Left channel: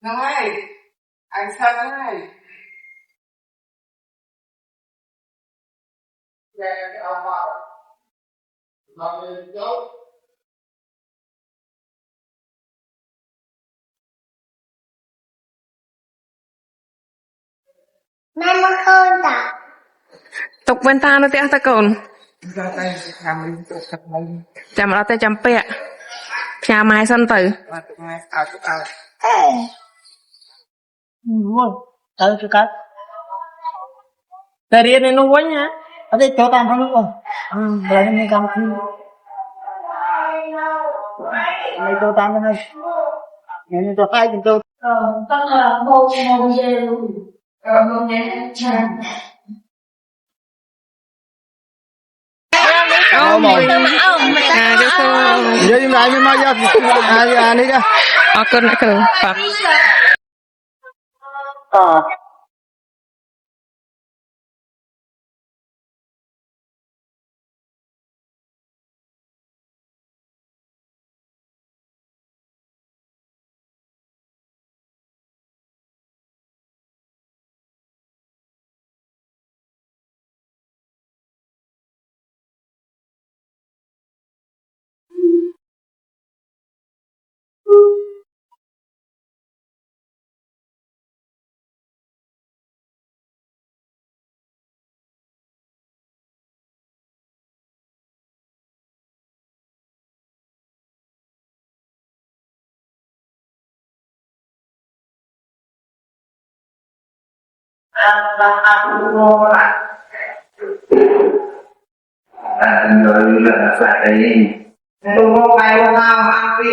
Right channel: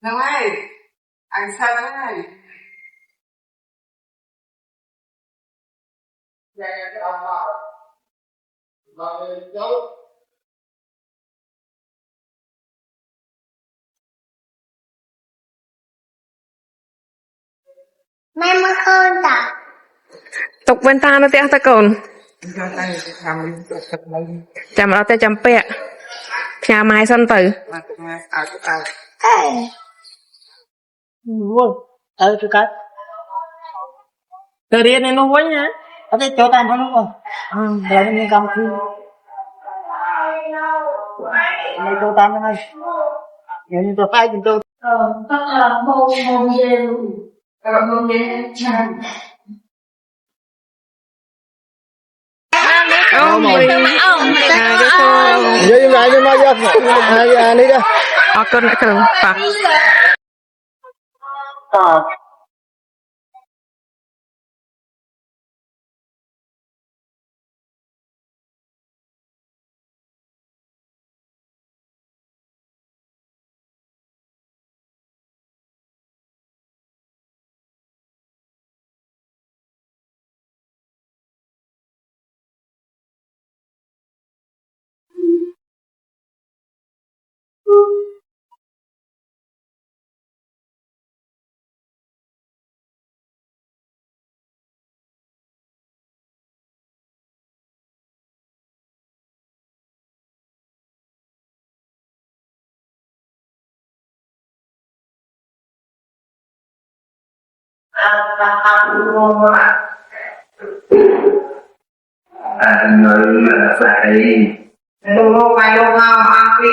Này, anh Sơn ơi. Về cái ông mà cháu Mai mà hơn ta. Tục bên ta nó teo ta cồn. ra tay làm đi thật mình Chăm ở tay chăm pẹ. Nhà mai sân tử. mà tụi ngay ảo Ê. Luôn. Từ cái. Từ đi này nó quánh hả? Ở đây cho tao không luôn. Rồi mình cầm khi. Này cho tao cái này. Nhìn cho tay nhìn tôi. Tất là môn dê luôn. Môn dê chanh. Ông mày à cho cô Vậy mà anh nói ra đi ra. ở cơn nữa thường phạt người là đi đừng không phải đâu nào ăn đi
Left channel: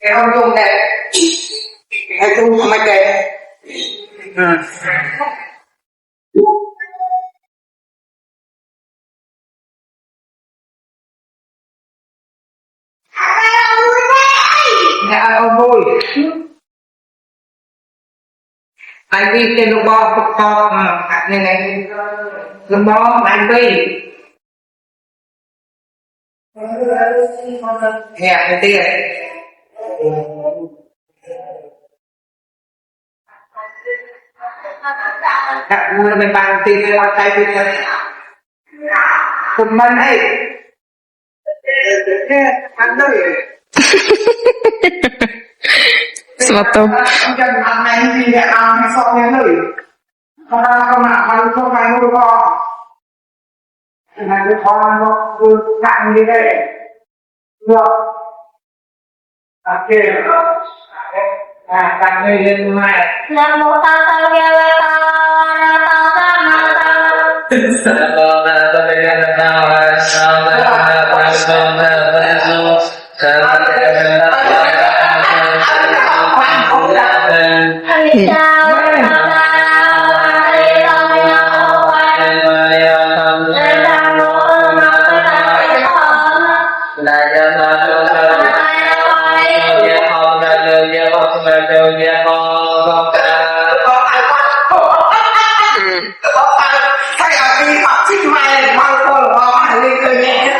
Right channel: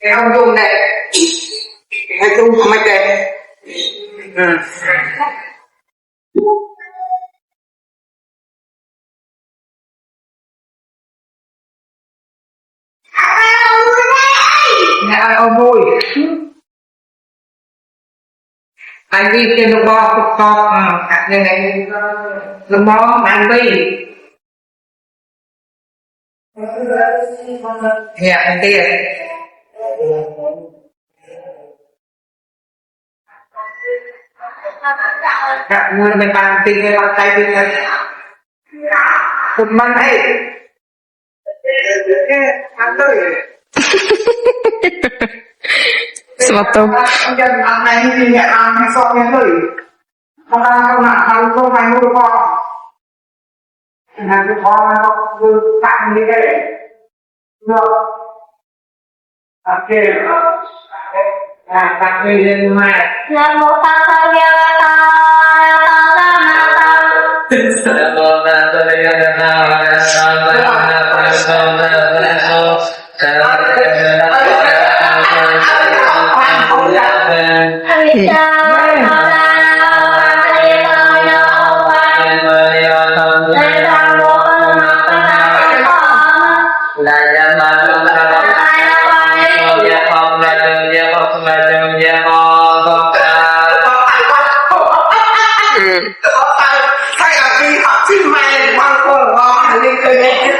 cái ông dùng này cái chung của mày đây này ông vui anh đi trên lục bò cục bò này lục bò anh đi hẹn tiền đặt mua mình bằng tiền hay bằng tay tiền một mình ấy ăn đây Suatu ông dân ăn này thì hẹn ăn hay so với hơi không nào không phải nuôi bò là cái con nó cứ tặng như vậy được ok tặng đi lên mà Nam mô ta sa ga la ta ta ma ta. thay là đi học chim mày mang con quá đi từ đây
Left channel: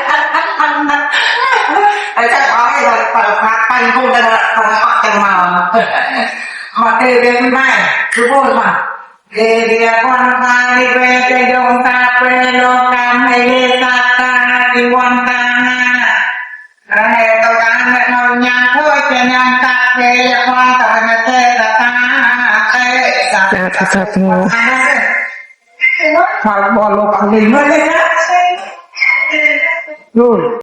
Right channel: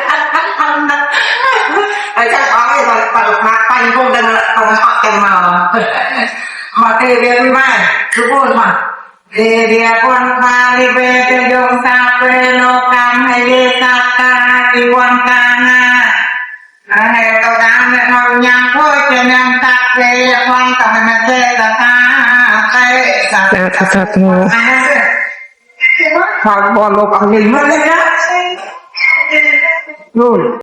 anh chắc có cái rồi phải phạt tay không đang không phạt tay mà từ cái mai cứ buồn mà để dia quan pha đi về cho dòng ta về lo cam hay đi ta ta đi quan ta na này tao đang để nói nhang thôi cho nhang ta về quan ta là thế là ta cái là thật thật ngô hoặc bỏ lục mình mất đấy á rồi